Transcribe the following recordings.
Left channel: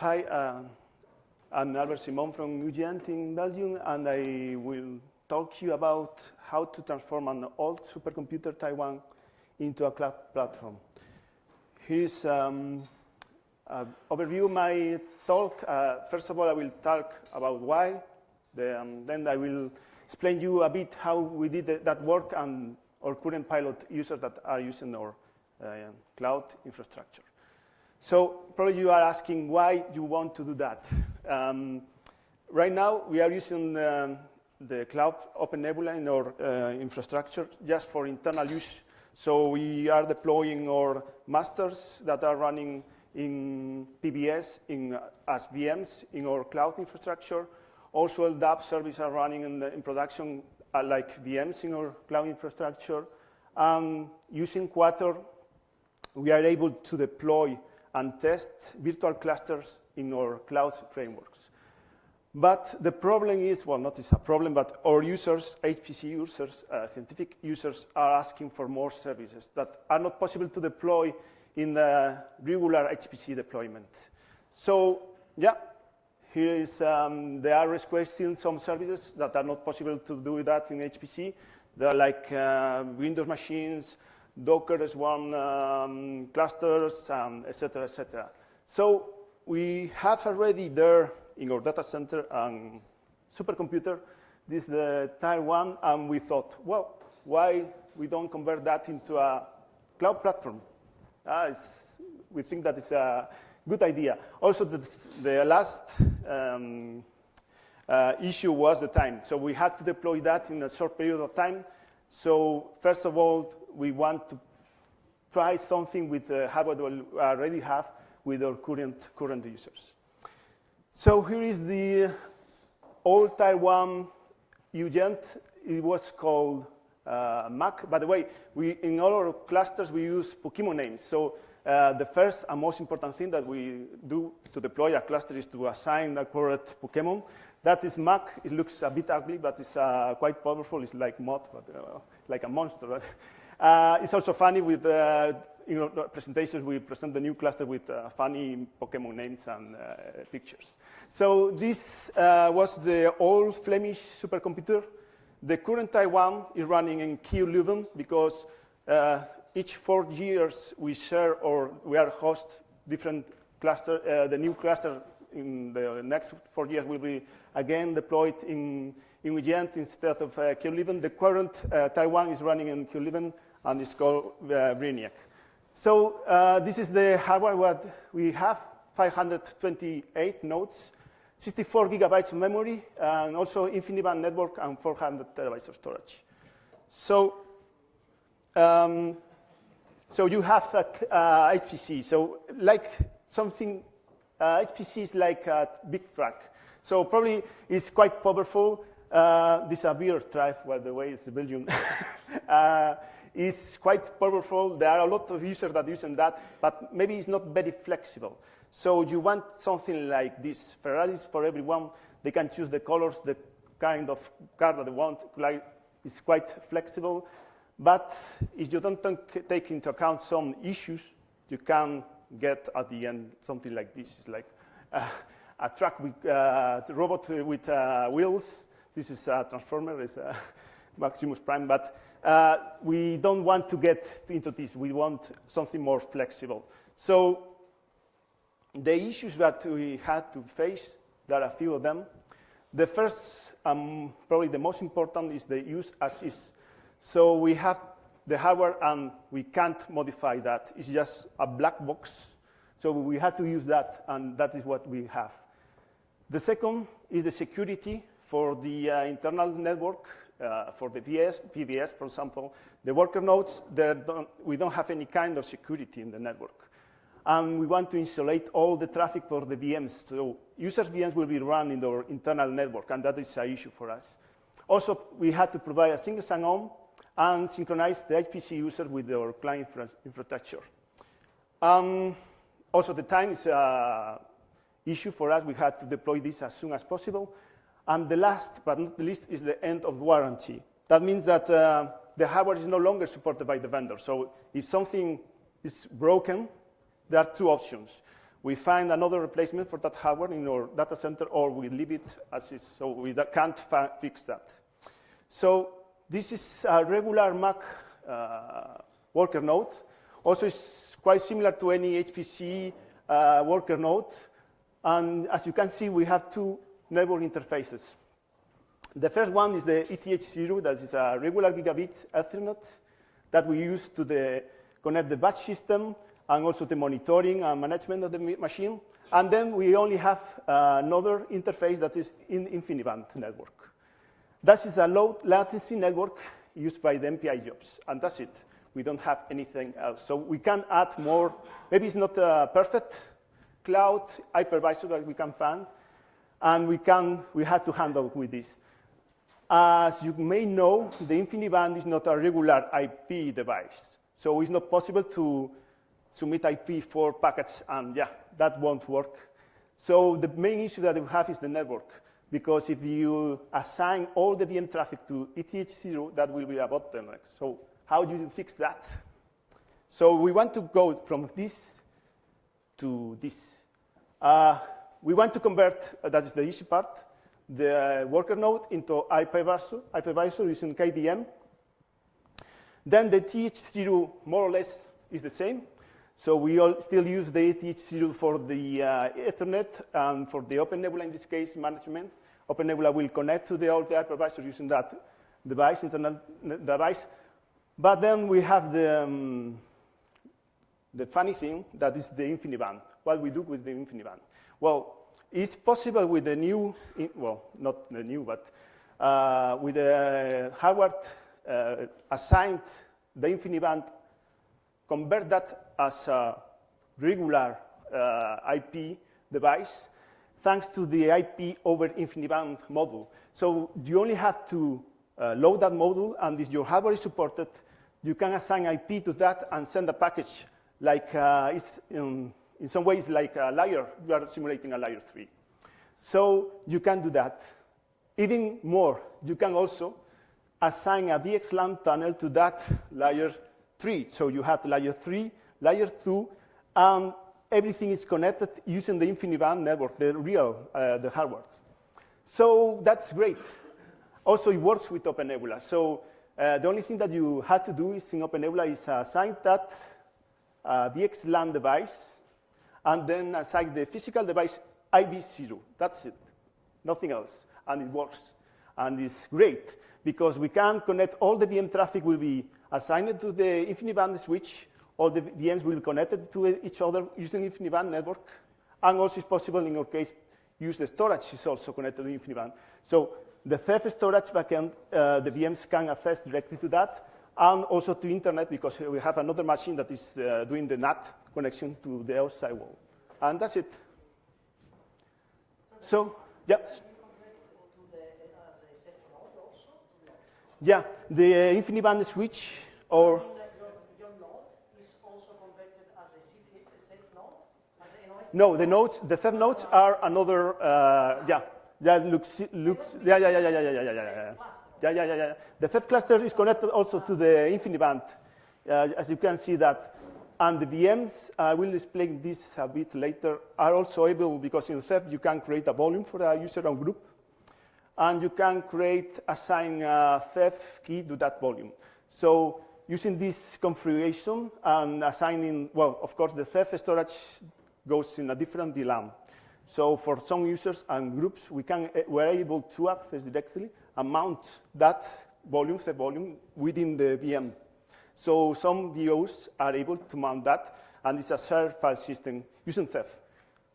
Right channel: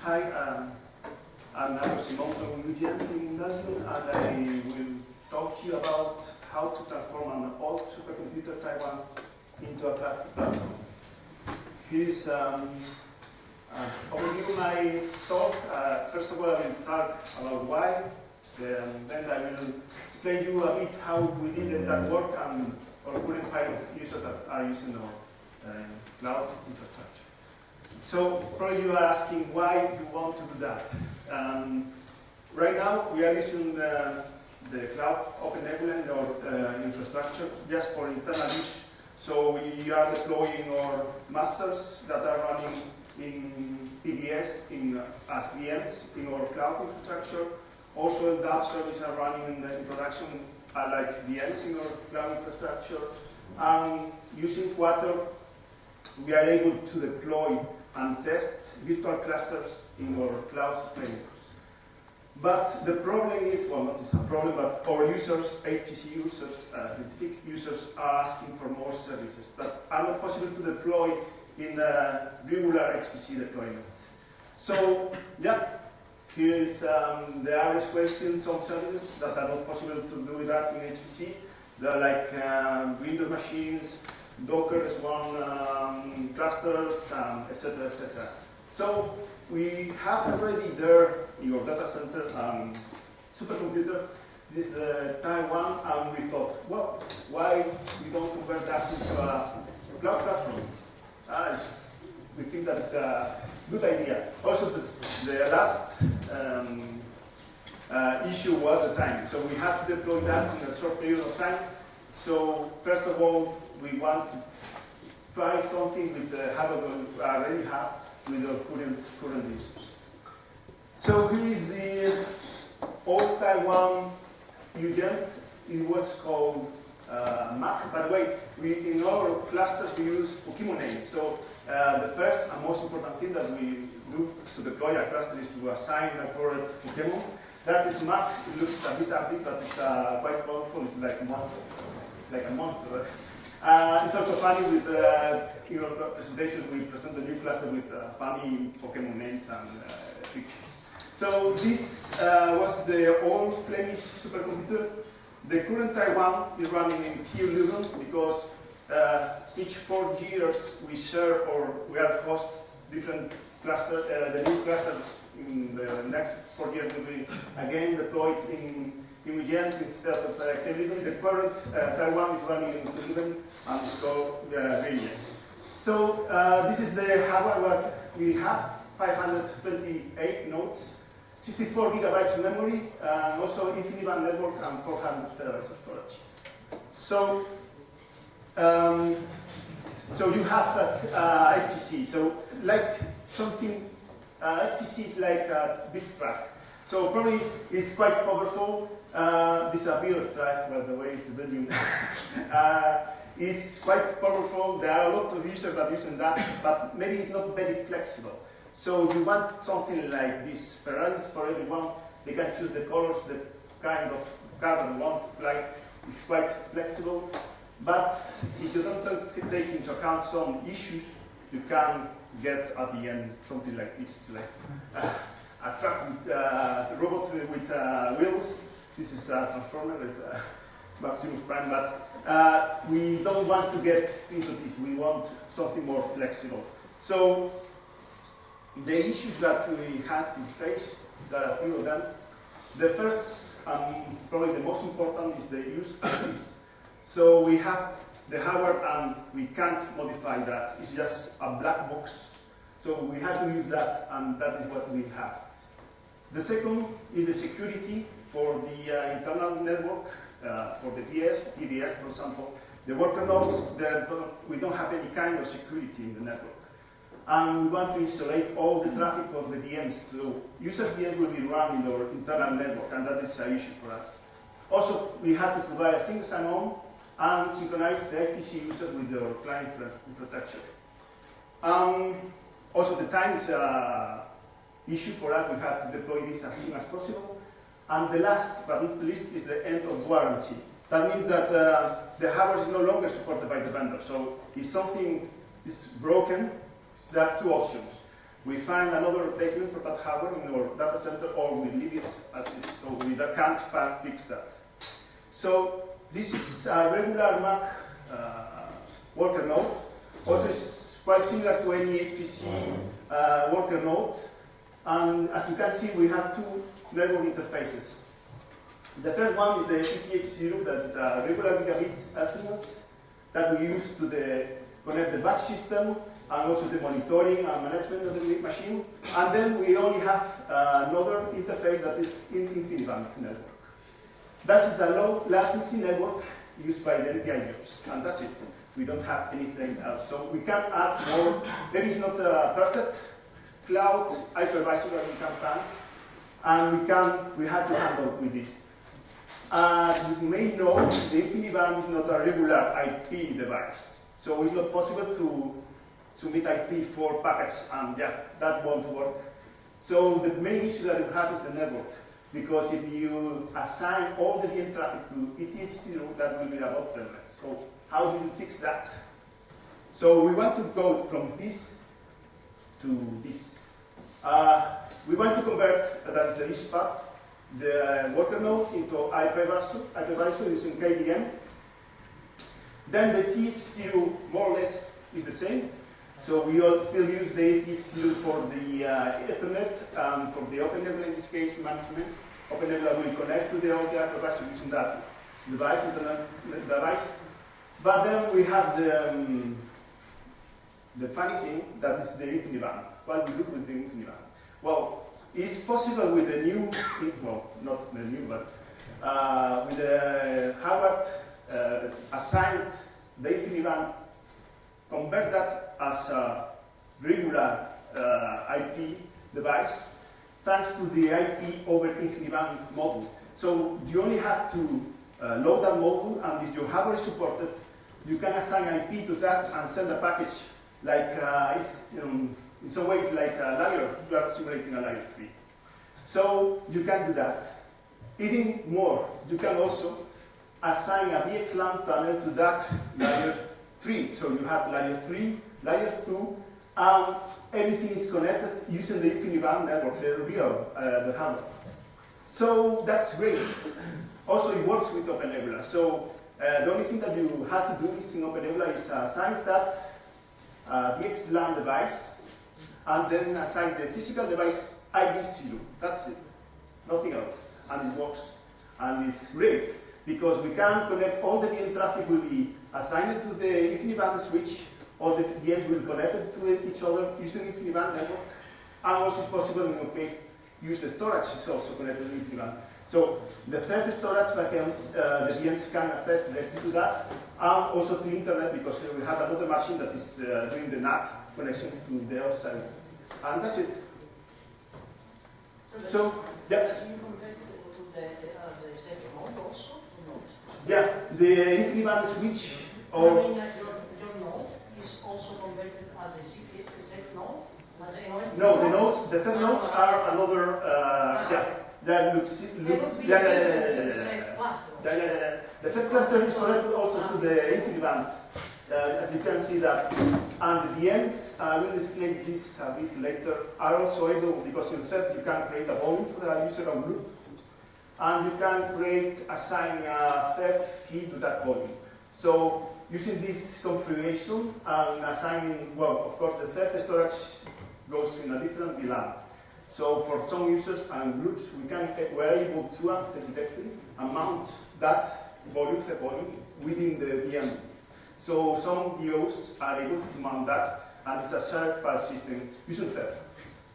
Hi, I'm Alvaro from UGent in Belgium, and I will talk to you about how to transform an old supercomputer Taiwan into a cloud platform. Here's an overview of my talk. First of all, I will talk about why. Then I will explain to you a bit how we did that work and our current pilot users that are using our cloud infrastructure. So probably you are asking why you want to do that. Right now, we are using the cloud OpenNebula in our infrastructure just for internal use. So we are deploying our masters that are running in PBS as VMs in our cloud infrastructure. Also, the app services are running in production like VMs in our cloud infrastructure. And using Quator, we are able to deploy and test virtual clusters in our cloud frameworks. But the problem is, well, not it's a problem, but our users, HPC users, scientific users, are asking for more services that are not possible to deploy in the regular HPC deployment. So, yeah, here's the average question, some services that are not possible to do that in HPC. They're like Windows machines, Docker is one, clusters, etc., etc. So we have already there in our data center supercomputer. This is the Taiwan, and we thought, well, why we don't convert that into a cloud platform? We think that is a good idea. Also, the last issue was the time. So we had to deploy that in a short period of time. So first of all, we want to try something with the hardware we already have with our current users. So here is the old Taiwan UGent. It was called Mac. By the way, in all our clusters we use Pokemon names. So the first and most important thing that we do to deploy a cluster is to assign a correct Pokemon. That is Mac. It looks a bit ugly, but it's quite powerful. It's like a monster. It's also funny with in our presentations we present the new cluster with funny Pokemon names and pictures. So this was the old Flemish supercomputer. The current Taiwan is running in Q11 because each 4 years we share or we are host different cluster. The new cluster in the next 4 years will be again deployed in UGent instead of Q11. The current Taiwan is running in Q11 and it's called Greenia. So this is the hardware what we have, 528 nodes, 64 gigabytes of memory, and also infinite band network and 400 terabytes of storage. So, so you have HPC. So like something, HPC is like a big truck. So probably it's quite powerful. This is a beer drive, by the way, it's Belgium. It's quite powerful. There are a lot of users that are using that, but maybe it's not very flexible. So you want something like this. Ferraris for everyone. They can choose the colors, the kind of car that they want. Like it's quite flexible. But if you don't take into account some issues, you can get at the end something like this, like a truck with a robot with wheels. This is a transformer. It's a Maximus Prime, but we don't want to get into this. We want something more flexible. So the issues that we had to face, there are a few of them. The first, probably the most important, is the use as is. So we have the hardware and we can't modify that. It's just a black box. So we had to use that, and that is what we have. The second is the security for the internal network. For the PBS, for example, the worker nodes, we don't have any kind of security in the network. And we want to isolate all the traffic of the VMs. So user VMs will be run in our internal network, and that is an issue for us. Also, we had to provide a single sign-on and synchronize the HPC user with our client infrastructure. Also, the time is an issue for us. We had to deploy this as soon as possible. And the last but not least is the end of warranty. That means that the hardware is no longer supported by the vendor. So if something is broken, there are two options. we find another replacement for that hardware in our data center, or we leave it as is, so we can't fix that. So this is a regular Mac worker node. Also, it's quite similar to any HPC worker node. And as you can see, we have two network interfaces. The first one is the ETH0, that is a regular gigabit Ethernet that we use to connect the batch system and also the monitoring and management of the machine. And then we only have another interface that is in InfiniBand network. That is a low latency network used by the NPI jobs, and that's it. We don't have anything else. So we can add more. Maybe it's not a perfect cloud hypervisor that we can find, and we have to handle with this. As you may know, the InfiniBand is not a regular IP device, so it's not possible to submit IP4 packets, and yeah, that won't work. So the main issue that we have is the network, because if you assign all the VM traffic to ETH0, that will be a bottleneck. So how do you fix that? So we want to go from this to this. We want to convert, that's the easy part, the worker node into hypervisor using KVM. Then the ETH0 more or less is the same. So we all still use the ETH0 for the Ethernet and for the OpenNebula, in this case, management. OpenNebula will connect to the hypervisor using that device, internet device. But then we have the funny thing, that is the InfiniBand. What we do with the InfiniBand? Well, it's possible with the new, well, not the new, but with the hardware assigned the InfiniBand, convert that as a regular IP device, thanks to the IP over InfiniBand module. So you only have to load that module, and if your hardware is supported, you can assign IP to that and send a package like it's in some ways like a layer. You are simulating a layer 3. So you can do that. Even more, you can also assign a VXLAN tunnel to that layer 3. So you have layer 3, layer 2, and everything is connected using the InfiniBand network, the hardware. So that's great. Also, it works with OpenNebula. So the only thing that you have to do is in OpenNebula is assign that VXLAN device, and then assign the physical device IV0. That's it. Nothing else. And it works. And it's great, because we can connect all the VM traffic will be assigned to the InfiniBand switch. All the VMs will be connected to each other using InfiniBand network. And also it's possible in our case, use the storage is also connected to InfiniBand. So the third storage backend, the VMs can access directly to that, and also to internet, because we have another machine that is doing the NAT connection to the outside wall. And that's it. So, yeah. Can you convert to the safe node also? Or not? Yeah, the InfiniBand switch, or... I mean that your node is also converted as a safe node? As an OS No, node? the nodes, the third nodes are another, yeah. That looks yeah. The third cluster is connected also to the InfiniBand, as you can see that. And the VMs, I will explain this a bit later, are also able, because in third you can create a volume for a user or group, and you can assign a third key to that volume. So using this configuration and assigning, well, of course, the third storage goes in a different VLAN. So for some users and groups, we're able to access directly and mount that volume, the volume, within the VM. So some VOs are able to mount that, and it's a shared file system using theft.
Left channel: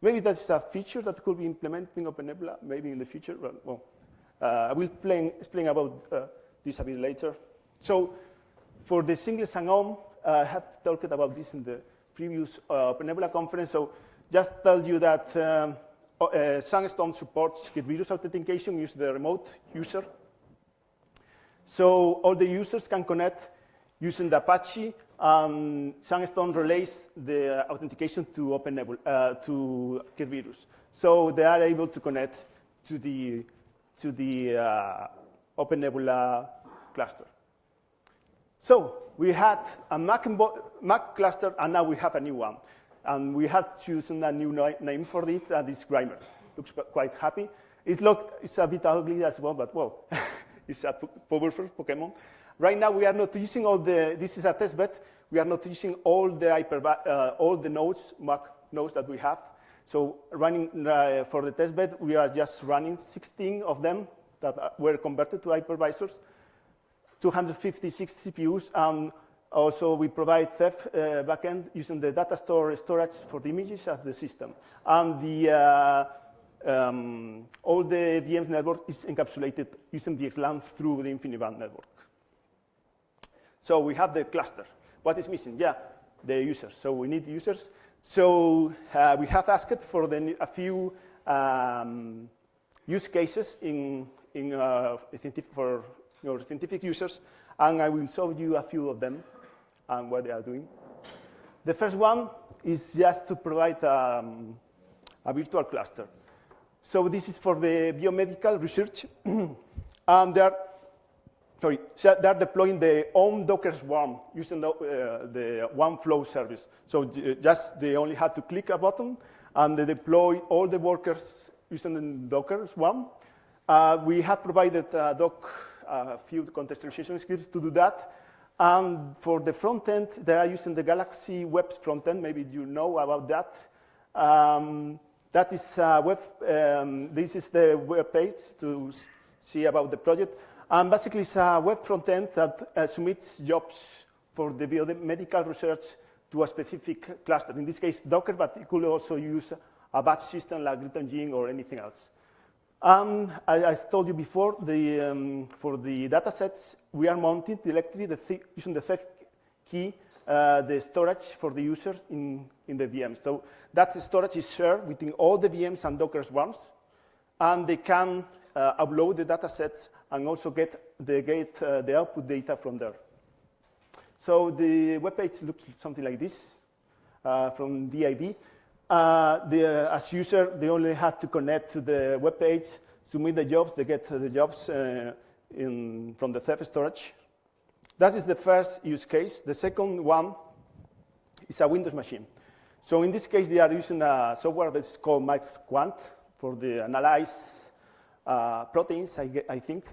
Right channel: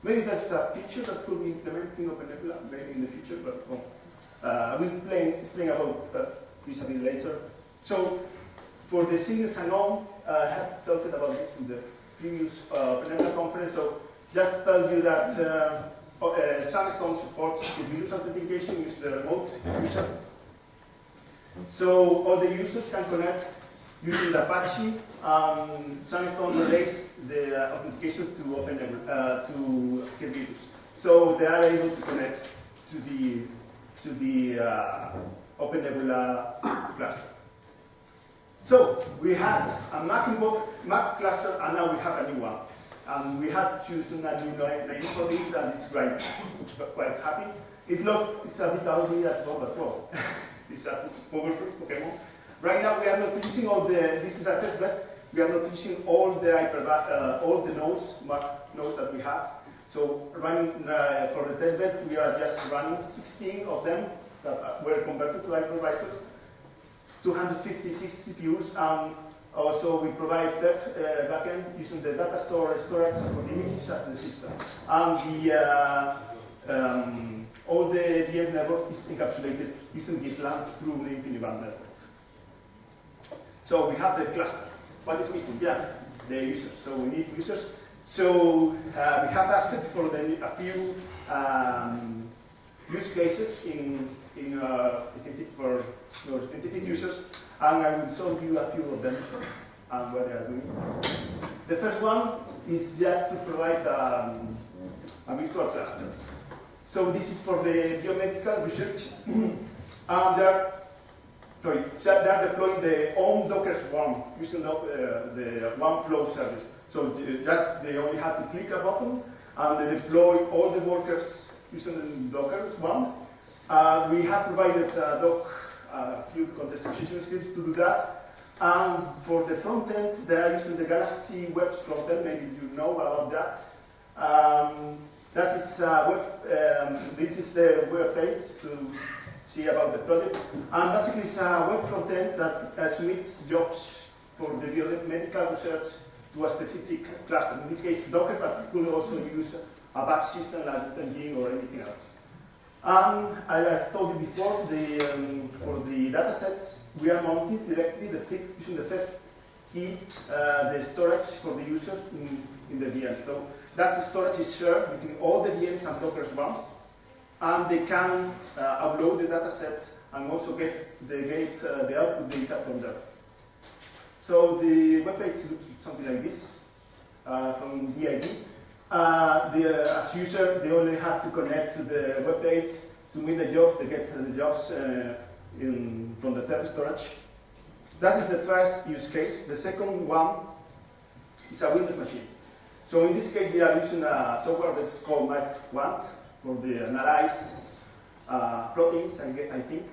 Maybe that's a feature that could be implemented in OpenNebula, maybe in the future, but well, I will explain about this a bit later. So for the single sign-on, I have talked about this in the previous OpenNebula conference. So just tell you that Sandstone supports Kibulus authentication using the remote user. So all the users can connect using the Apache. Sandstone relays the authentication to OpenNebula, to Kibulus. So they are able to connect to the OpenNebula cluster. So we had a Mac cluster, and now we have a new one. And we had chosen a new name for it, and it's great. Looks quite happy. It's a bit ugly as well, but well, it's a powerful Pokemon. Right now, we are not using all the. This is a testbed. We are not using all the nodes, Mac nodes that we have. So running for the testbed, we are just running 16 of them that were converted to hypervisors, 256 CPUs, and also we provide Ceph backend using the data storage for the images of the system. And all the VM network is encapsulated using VXLAN through the InfiniBand network. So we have the cluster. What is missing? Yeah, the users. So we need users. So we have asked for a few use cases for scientific users, and I will show you a few of them and what they are doing. The first one is just to provide a virtual cluster. So this is for the biomedical research, and they're deploying their own Docker swarm using the OneFlow service. So just they only have to click a button and they deploy all the workers using the Docker swarm. We have provided a few contextualization skills to do that. And for the front end, they are using the Galaxy Web front end. Maybe you know about that. That is this is the web page to see about the project. And basically, it's a web front end that submits jobs for the biomedical research to a specific cluster. In this case, Docker, but you could also use a batch system like UGent or anything else. And as I told you before, for the datasets, we are mounting directly using the Ceph key, the storage for the user in the VM. So that storage is shared between all the VMs and Docker swarms, and they can upload the datasets and also get the output data from there. So the web page looks something like this from DID. As user, they only have to connect to the web page, submit the jobs, they get the jobs from the Ceph storage. That is the first use case. The second one is a Windows machine. So in this case, they are using a software that's called MaxQuant for the analyze proteins, I think.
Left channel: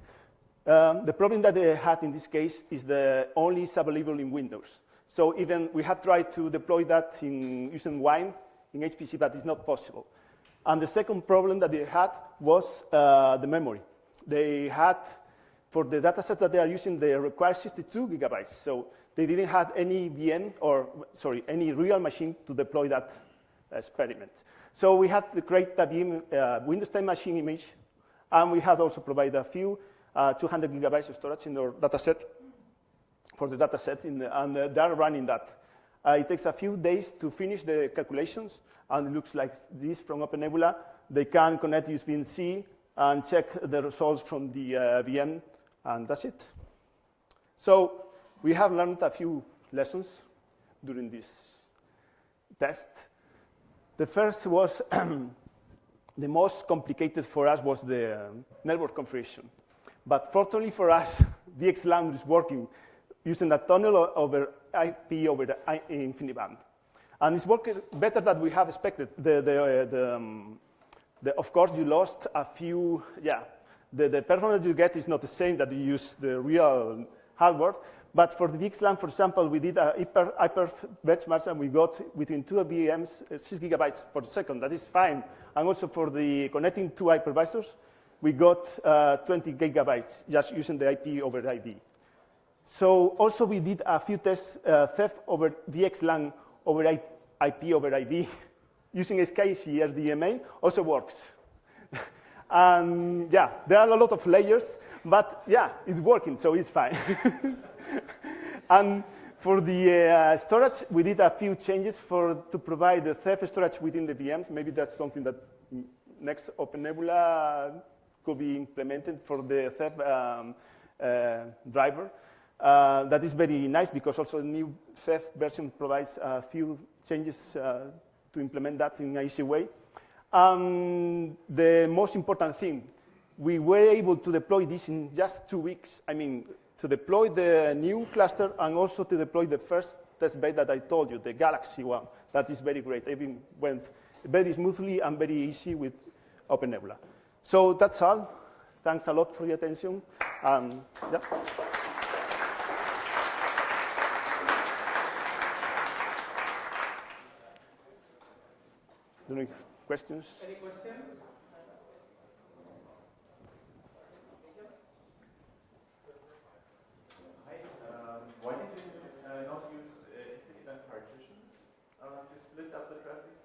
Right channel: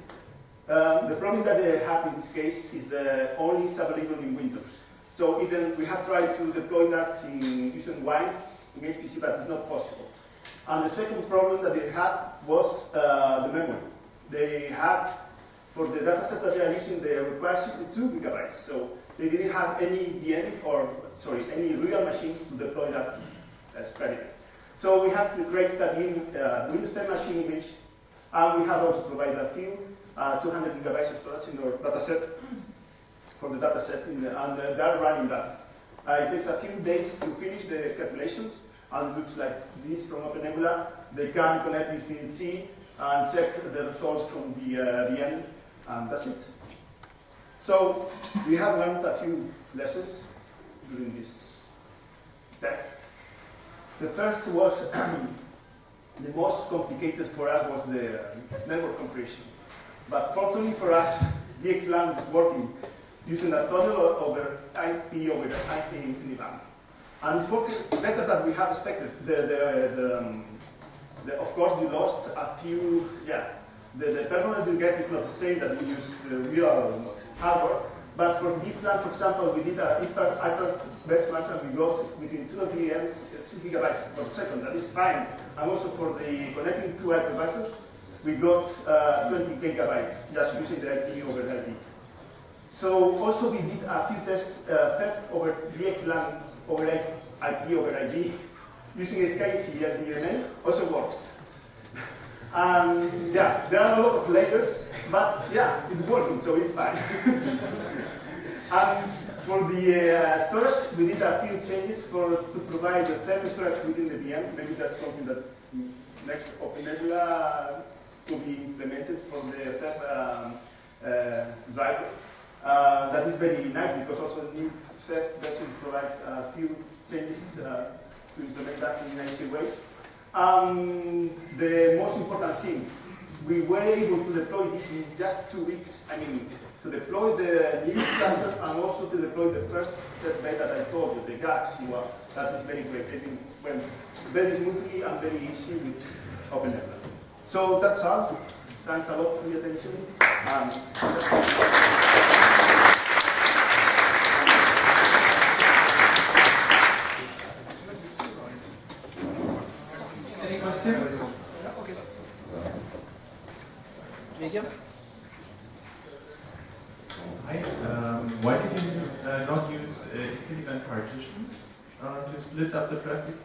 The problem that they have in this case is the only is available in Windows. So even we have tried to deploy that using Wine in HPC, but it's not possible. And the second problem that they had was the memory. They had, for the dataset that they are using, they require 62 gigabytes. So they didn't have any any real machine to deploy that experiment. So we had to create that in Windows 10 machine image, and we had also provided a few 200 gigabytes of storage in our dataset for the dataset, and they're running that. It takes a few days to finish the calculations, and it looks like this from OpenNebula. They can connect USB-C and check the results from the VM, and that's it. So we have learned a few lessons during this test. The first was the most complicated for us was the network configuration. But fortunately for us, VXLAN is working using a tunnel over IP over the InfiniBand. And it's working better than we had expected. Of course, you lost a few, the performance you get is not the same that you use the real hardware. But for VXLAN, for example, we did a hyper benchmarks and we got between 2 VMs 6 gigabytes per second. That is fine. And also for the connecting two hypervisors, we got 20 gigabytes just using the IP over IP. So also we did a few tests, Ceph over VXLAN over IP over IP, using SKC RDMA also works. There are a lot of layers, but it's working, so it's fine. And for the storage, we did a few changes to provide the Ceph storage within the VMs. Maybe that's something that next OpenNebula could be implemented for the Ceph driver. That is very nice because also the new Ceph version provides a few changes to implement that in an easy way. The most important thing, we were able to deploy this in just 2 weeks. I mean, to deploy the new cluster and also to deploy the first test bed that I told you, the Galaxy one, that is very great. Everything went very smoothly and very easy with OpenNebula. So that's all. Thanks a lot for your attention. And any questions? Hi. Why did you not use equivalent partitions to split up the traffic?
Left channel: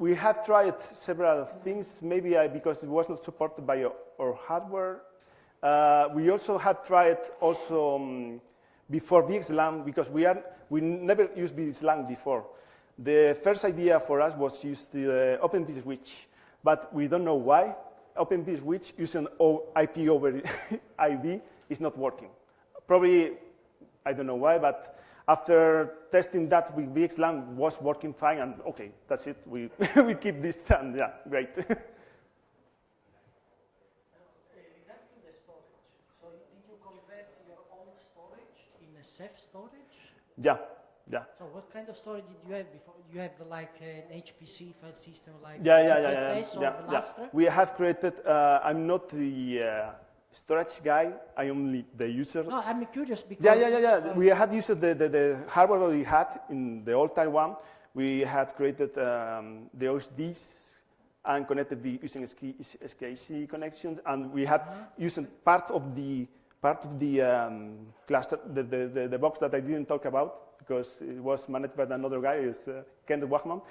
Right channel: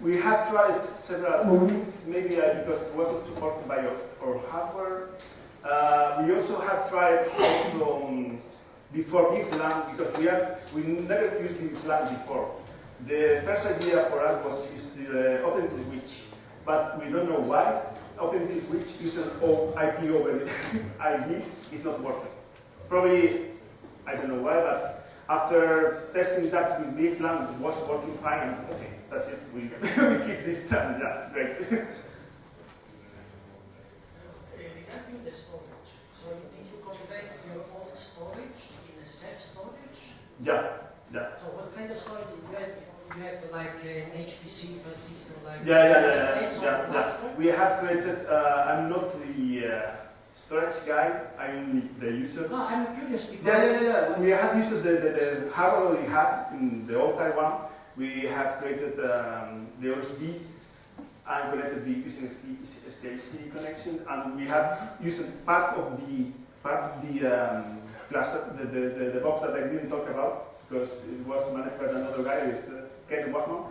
We have tried several things, maybe because it wasn't supported by our hardware. We also have tried before VXLAN, because we never used VXLAN before. The first idea for us was use the OpenVSwitch, but we don't know why. OpenVSwitch using IP over ID is not working. Probably, I don't know why, but after testing that with VXLAN, it was working fine, and okay, that's it. We keep this, yeah, great. Regarding the storage, so did you convert your old storage in a safe storage? Yeah, yeah. So what kind of storage did you have before? You have like an HPC file system, like Yeah. We have created. I'm not the storage guy. I'm only the user. No, I'm curious because Yeah. We have used the hardware that we had in the old Taiwan. We have created the OSDs and connected using SKC connections, and we have used part of the cluster, the box that I didn't talk about, because it was managed by another guy, is Ken Wachman.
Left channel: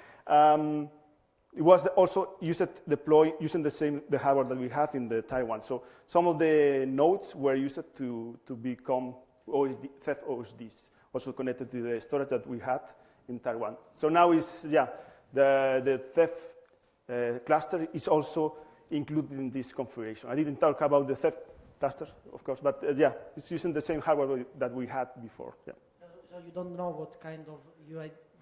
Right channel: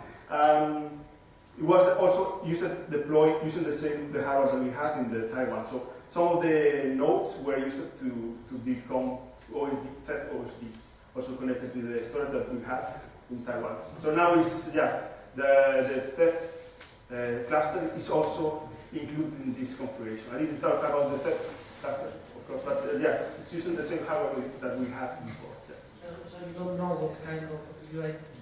It was also deployed using the hardware that we have in the Taiwan. So some of the nodes were used to become theft OSDs, also connected to the storage that we had in Taiwan. So now the theft cluster is also included in this configuration. I didn't talk about the theft cluster, of course, but it's using the same hardware that we had before. Yeah. So you don't know what kind of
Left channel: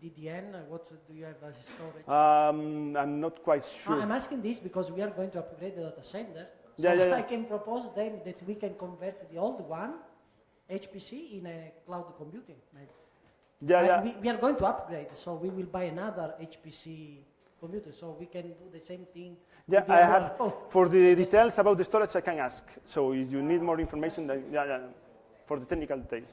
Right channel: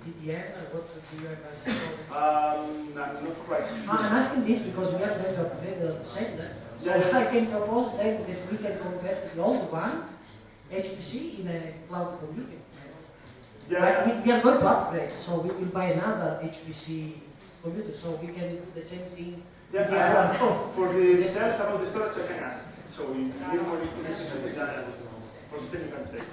DDN or what you have as storage? I'm not quite sure. I'm asking this because we are going to upgrade the center. So I can propose then that we can convert the old one, HPC, in a cloud computing. We are going to upgrade, so we will buy another HPC computer, so we can do the same thing. Yeah, I have, for the details about the storage I can ask. So if you need more information, for the technical details.